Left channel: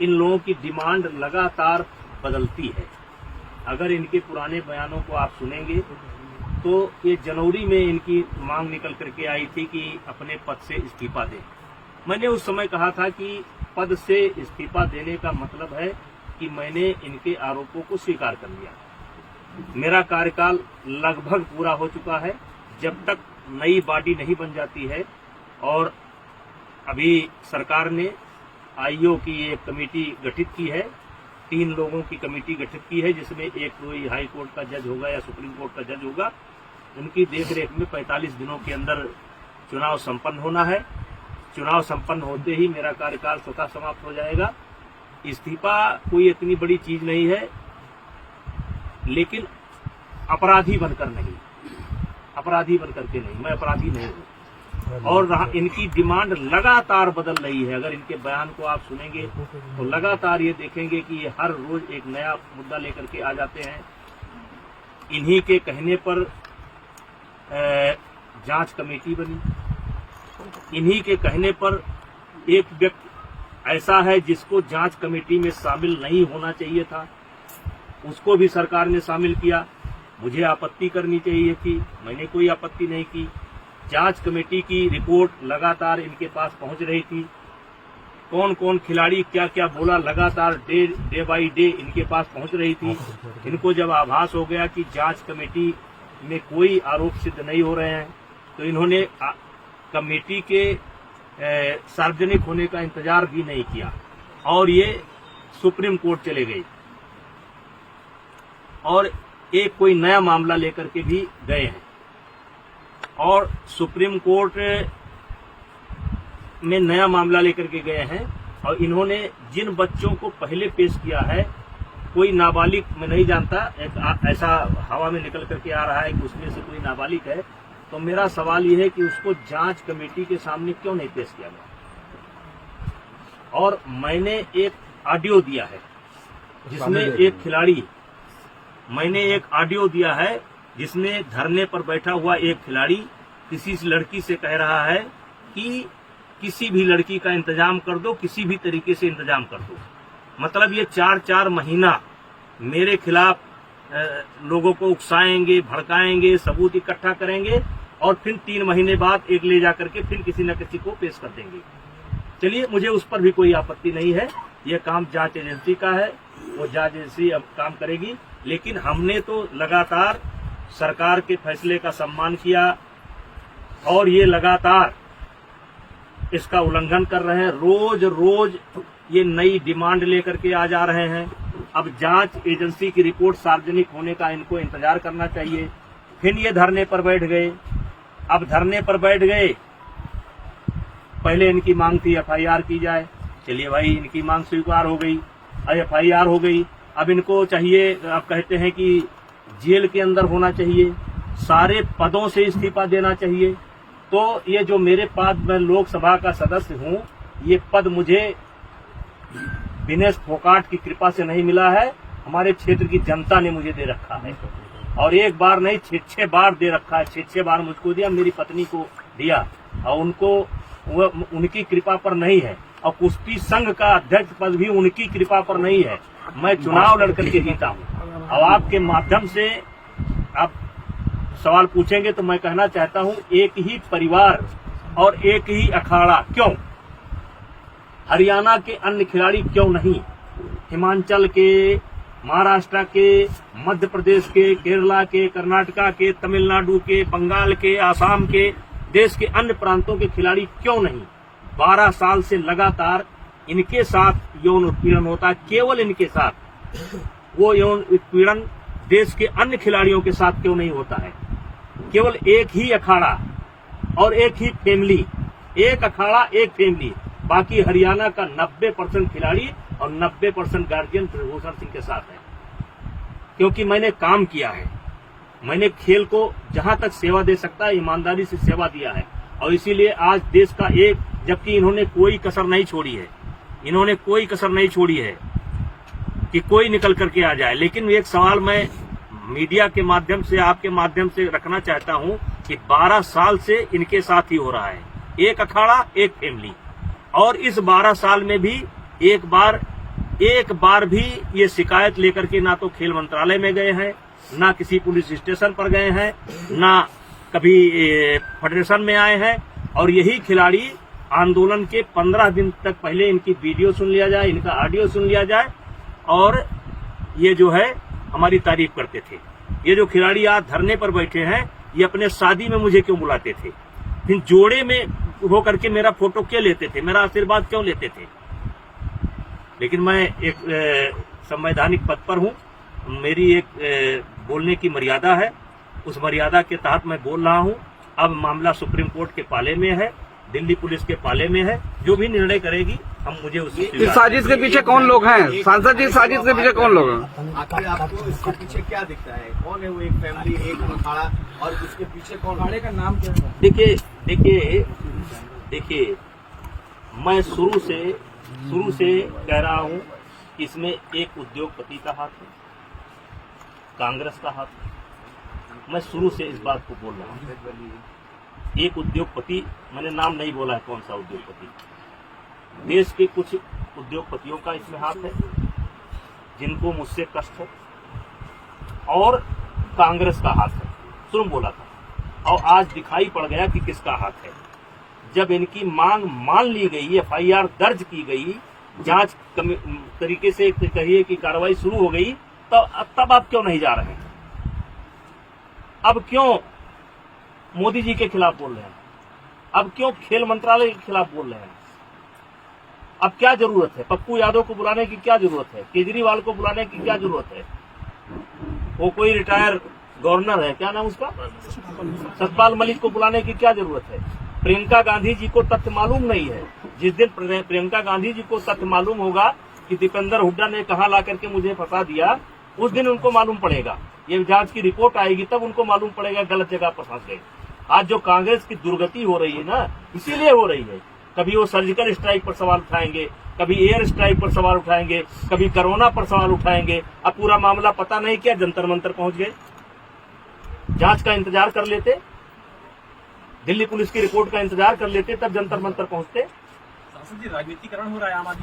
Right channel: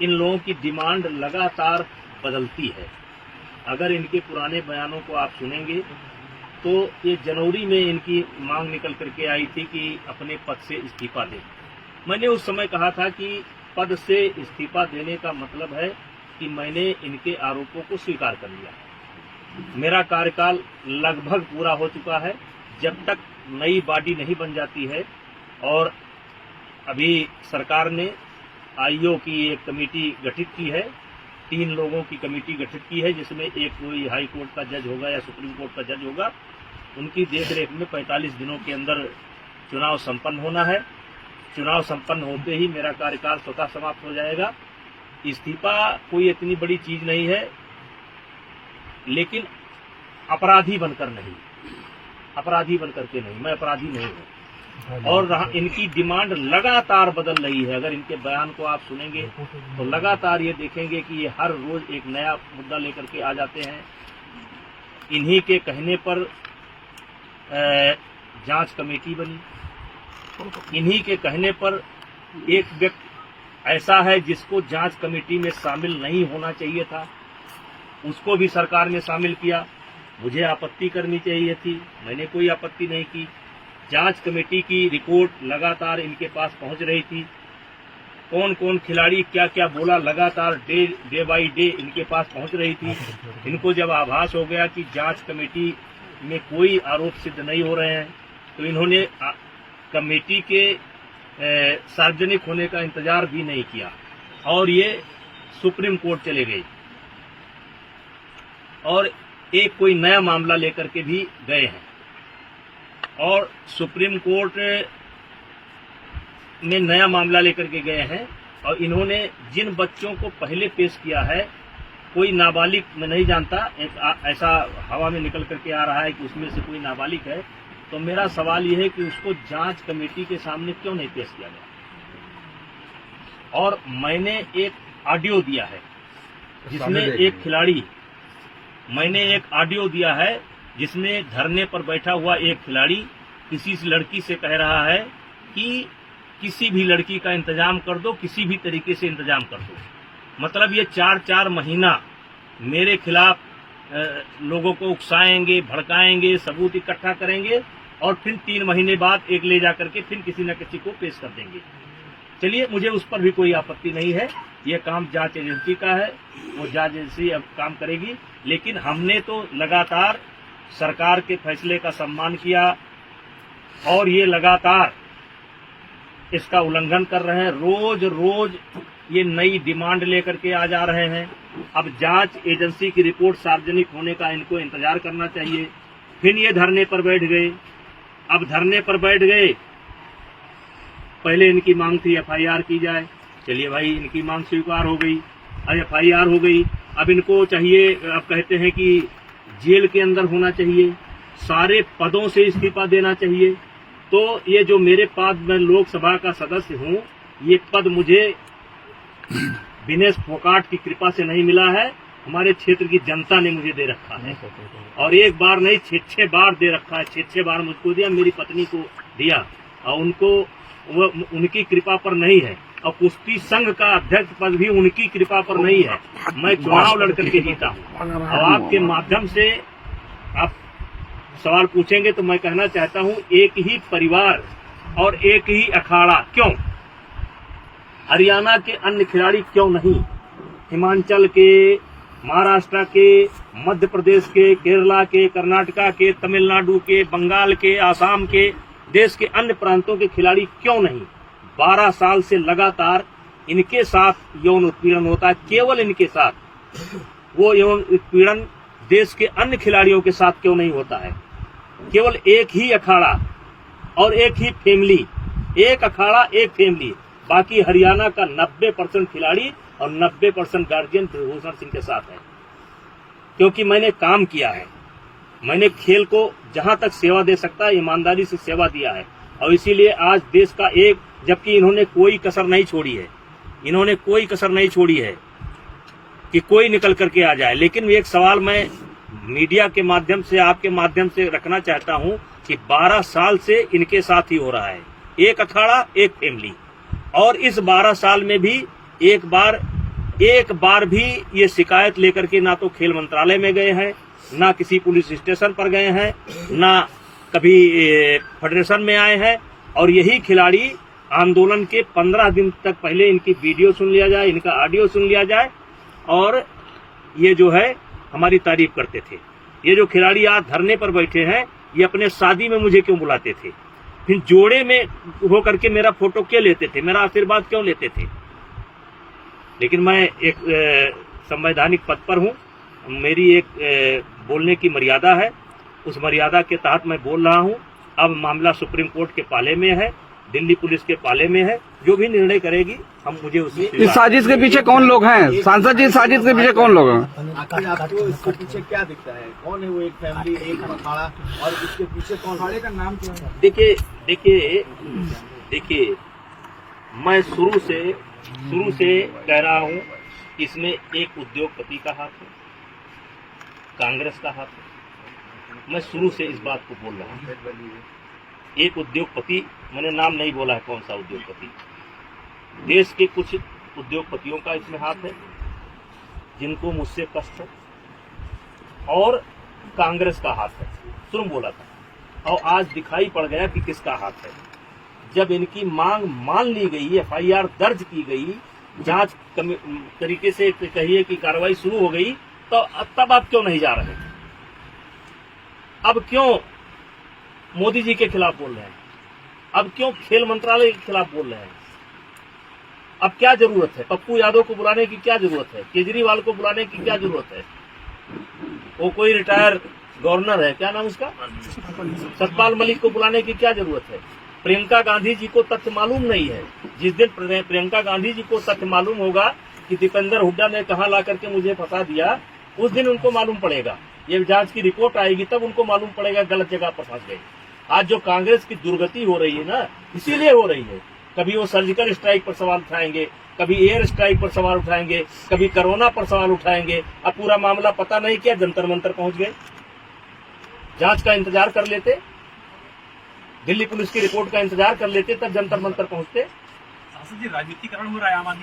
इन लोगों की डिमांड लगातार बदलती है। अगर इनके पुराने बयानों को आप सुनेंगे तो ये जनवरी में इनकी मांग निकल करके आई थी कि अपने पद से इस्तीफा दें। मैंने उस समय कहा था कि पद से इस्तीफा देने का मतलब है कि मैंने इनके आरोपों को स्वीकार कर लिया। मेरा कार्यकाल लगभग पूरा हो चुका है। जब तक नई बॉडी नहीं बन जाती है, और अभी सरकार ने आईओ की एक कमेटी गठित की है, 3 लोगों की कमेटी गठित की है, जिसमें एक कोई हाई कोर्ट का जज होगा या सुप्रीम कोर्ट का जज होगा। उनकी देखरेख में 45 दिनों के अंदर चुनाव संपन्न होना है। चुनाव संपन्न होते ही मेरा कार्यकाल स्वतः समाप्त हो जाएगा। इस्तीफा कोई इतनी बड़ी चीज नहीं है, लेकिन अपराधी बनकर नहीं, अपराधी बनकर के नहीं, मैं अपराधी नहीं हूँ। और इनकी डिमांड लगातार बदल रही है। अगर इनके बयान को आप सुनेंगे तो लगातार ये देखेंगे कि ये हर रोज एक नया मुद्दा लेकर के आ जाते हैं। इन्हीं के कहने पर जांच कमेटी बनी, इन्हीं के कहने पर एक व्यक्ति ऐसा है जिसको जांच कमेटी में शामिल नहीं होना चाहिए था, उसको भी सरकार ने शामिल किया। मुझे आपत्ति करनी चाहिए थी, मैंने कोई आपत्ति नहीं की। जांच कमेटी की रिपोर्ट लगातार इनके पास पहुंच रही थी। कौन कौन खिलाड़ी क्या क्या बोला, लगातार डे बाई डे इनके पास पहुंच रही थी। इनको जब आभास हो गया कि जांच कमेटी में कोई आरोप सिद्ध नहीं हो रहे हैं, तो इन्होंने कमेटी के सार्वजनिक होने का इंतजार भी नहीं किया और ये सुप्रीम कोर्ट चले गए और एक कोई नया मामला लेकर के भी गए हैं। और सुप्रीम कोर्ट में नया मामला लेकर के गए हैं और इन्होंने जिन बच्चों को पहले पेश किया है, कोई नाबालिग, मैं नहीं जानता, ऐसा हवा में निकल करके आ रहा है कि उसमें से कोई नाबालिग है। तो मेरा सवाल यह है कि उसको जांच कमेटी के सामने क्यों नहीं पेश किया गया। और मैंने एक ऑडियो दिया है जिसमें एक खिलाड़ी, मैंने एक ऑडियो दिया है जिसमें धरने पर बैठा हुआ एक खिलाड़ी किसी लड़की से कह रहा है कि किसी भी लड़की का इंतजाम कर दो, किसी भी तरीके से इंतजाम कर दो। मतलब ये 4-4 महीना मेरे खिलाफ लोगों को उकसाएंगे, भड़काएंगे, सबूत इकट्ठा करेंगे और फिर 3 महीने बाद एक ले जाकर के फिर किसी न किसी को पेश कर देंगे। चलिए, मुझे उस पर भी कोई आपत्ति नहीं है। ये काम जांच एजेंसी का है, वो जांच एजेंसी अब काम करेगी। लेकिन हमने तो लगातार सरकार के फैसले का सम्मान किया और ये लगातार इसका उल्लंघन कर रहे हैं। रोज रोज ये नई डिमांड लेकर के आ जा रहे हैं। अब जांच एजेंसी की रिपोर्ट सार्वजनिक होने का इनको इंतजार करना चाहिए। फिर ये धरने पर बैठ गए। अब धरने पर बैठ गए, पहले इनकी मांग थी एफआईआर की जाए। चलिए भाई, इनकी मांग स्वीकार हो गई, अब एफआईआर हो गई। अब इनको चाहिए, अब कहते हैं कि जेल के अंदर होना चाहिए, सारे पदों से इस्तीफा देना चाहिए। तो ये जो मेरे पास, मैं लोकसभा का सदस्य हूँ, ये पद मुझे विनेश फोगाट की कृपा से नहीं मिला है, हमारे क्षेत्र की जनता ने मुझे दे रखा है। और एक बार नहीं, 6 बार दे रखा है। 6 बार मुझको दिया, मेरी पत्नी को दिया, और उनको उनकी कृपा पर नहीं है। और कुश्ती संघ का अध्यक्ष पद भी उनकी कृपा पर नहीं है। मैं चुनाव लड़कर के जीता हूँ। और आपके माध्यम से आप सवाल पूछेंगे तो मैं कहना चाहता हूँ, एक ही परिवार और एक ही अखाड़ा क्यों? हरियाणा के अन्य खिलाड़ी क्यों नहीं? हिमाचल के, महाराष्ट्र के, मध्य प्रदेश के, केरला के, कर्नाटका के, तमिलनाडु के, बंगाल के, आसाम के, देश के अन्य प्रांतों के खिलाड़ी क्यों नहीं? 12 साल से लगातार इनके साथ यौन उत्पीड़न होता है, केवल इनके साथ। वो यौन उत्पीड़न देश के अन्य खिलाड़ियों के साथ क्यों नहीं होता है? केवल एक ही अखाड़ा और एक ही फैमिली, एक अखाड़ा एक फैमिली। बाकी हरियाणा का 90% खिलाड़ी और 90% गार्जियन ब्रिजभूषण सिंह के साथ है। क्योंकि मैंने काम किया है, मैंने खेल को जहां तक सेवा दे सकता है ईमानदारी से सेवा दिया है। और इसीलिए आज देश का एक, जबकि इन्होंने कोई कसर नहीं छोड़ी है, इन्होंने कोई कसर नहीं छोड़ी है कि कोई निकल करके आ जाए। लेकिन एक सवाल मैं मीडिया के माध्यम से, आपके माध्यम से रखना चाहता हूं कि 12 साल से इनके साथ ही हो रहा है, एक अखाड़ा एक फैमिली। और इस 12 साल में भी एक बार एक बार भी ये शिकायत लेकर के ना तो खेल मंत्रालय में गए हैं, ना किसी पुलिस स्टेशन पर गए हैं, ना कभी फेडरेशन में आए हैं। और यही खिलाड़ी आंदोलन के 15 दिन तक पहले इनकी वीडियो सुन लिया जाए, इनका ऑडियो सुन लिया जाए और ये जो है हमारी तारीफ करते थे। ये जो खिलाड़ी आज धरने पर बैठे हैं, ये अपने शादी में मुझे क्यों बुलाते थे, फिर जोड़े में होकर के मेरा फोटो क्यों लेते थे, मेरा आशीर्वाद क्यों लेते थे। लेकिन मैं एक संवैधानिक पद पर हूं, मेरी एक बोलने की मर्यादा है, उस मर्यादा के तहत मैं बोल रहा हूं। अब मामला सुप्रीम कोर्ट के पाले में है, दिल्ली पुलिस के पाले में है, जो भी निर्णय करेगी हम मुझे उसमें। इस साजिश के पीछे कौन लोग हैं सांसद जी? साजिश के पीछे कौन लोग हैं? आपको इसके पीछे क्या दिखता है? कौन है वो? एक फैमिली, एक अखाड़ा, और इसके पीछे कौन? अखाड़े का नाम क्या है? देखिए मैं शुरू से कह रहा हूं कि इसमें एक उद्योगपति का हाथ है, कांग्रेस का हाथ है। मैं शुरू से इस बात को बोल रहा हूं। एक उद्योगपति, मैंने नाम नहीं बोला है कौन सा उद्योगपति, देश के कुछ उद्योगपतियों का इसमें हाथ है जिनको मुझसे कष्ट है, और कांग्रेस का हाथ है। शुरू बोला था और आज दिखाई पड़ गया कि किसका हाथ है। जब इनकी मांग मान ली गई, FIR दर्ज की गई, जांच तरीके से कहिए कि कार्रवाई शुरू हो गई, तो तब आप क्यों नहीं जा रहे हैं? अब क्यों मोदी जी के खिलाफ बोल रहे हैं? अब क्यों खेल मंत्रालय के खिलाफ बोल रहे हैं? अब क्या जरूरत है? पप्पू यादव को बुलाने की क्या जरूरत है? केजरीवाल को बुलाने की क्या जरूरत है? वो कोई रिटायर गवर्नर है, क्या नाम उसका, सतपाल मलिक को बुलाने की क्या जरूरत है? प्रियंका गांधी जी को तथ्य मालूम नहीं है। जिस दिन प्रियंका गांधी जी को तथ्य मालूम होगा कि दीपेंद्र हुड्डा ने कहां ला करके मुझे फंसा दिया, उस दिन उनको मालूम पड़ेगा। ये जांच की रिपोर्ट आएगी तब उनको मालूम पड़ेगा गलत जगह पर फंस गए। आज जो कांग्रेस की दुर्गति हो रही है ना, इसीलिए हो रही है। कभी वो सर्जिकल स्ट्राइक पर सवाल उठाएंगे, कभी एयर स्ट्राइक पर सवाल उठाएंगे, कभी कोरोना पर सवाल उठाएंगे। अब पूरा मामला पता नहीं क्या जंतर मंतर पहुंच गए। जांच का इंतजार कर लेते, दिल्ली पुलिस की रिपोर्ट का इंतजार कर लेते, तब जंतर मंतर पहुंचते। राजनीतिकरण हो रहा है आम आदमी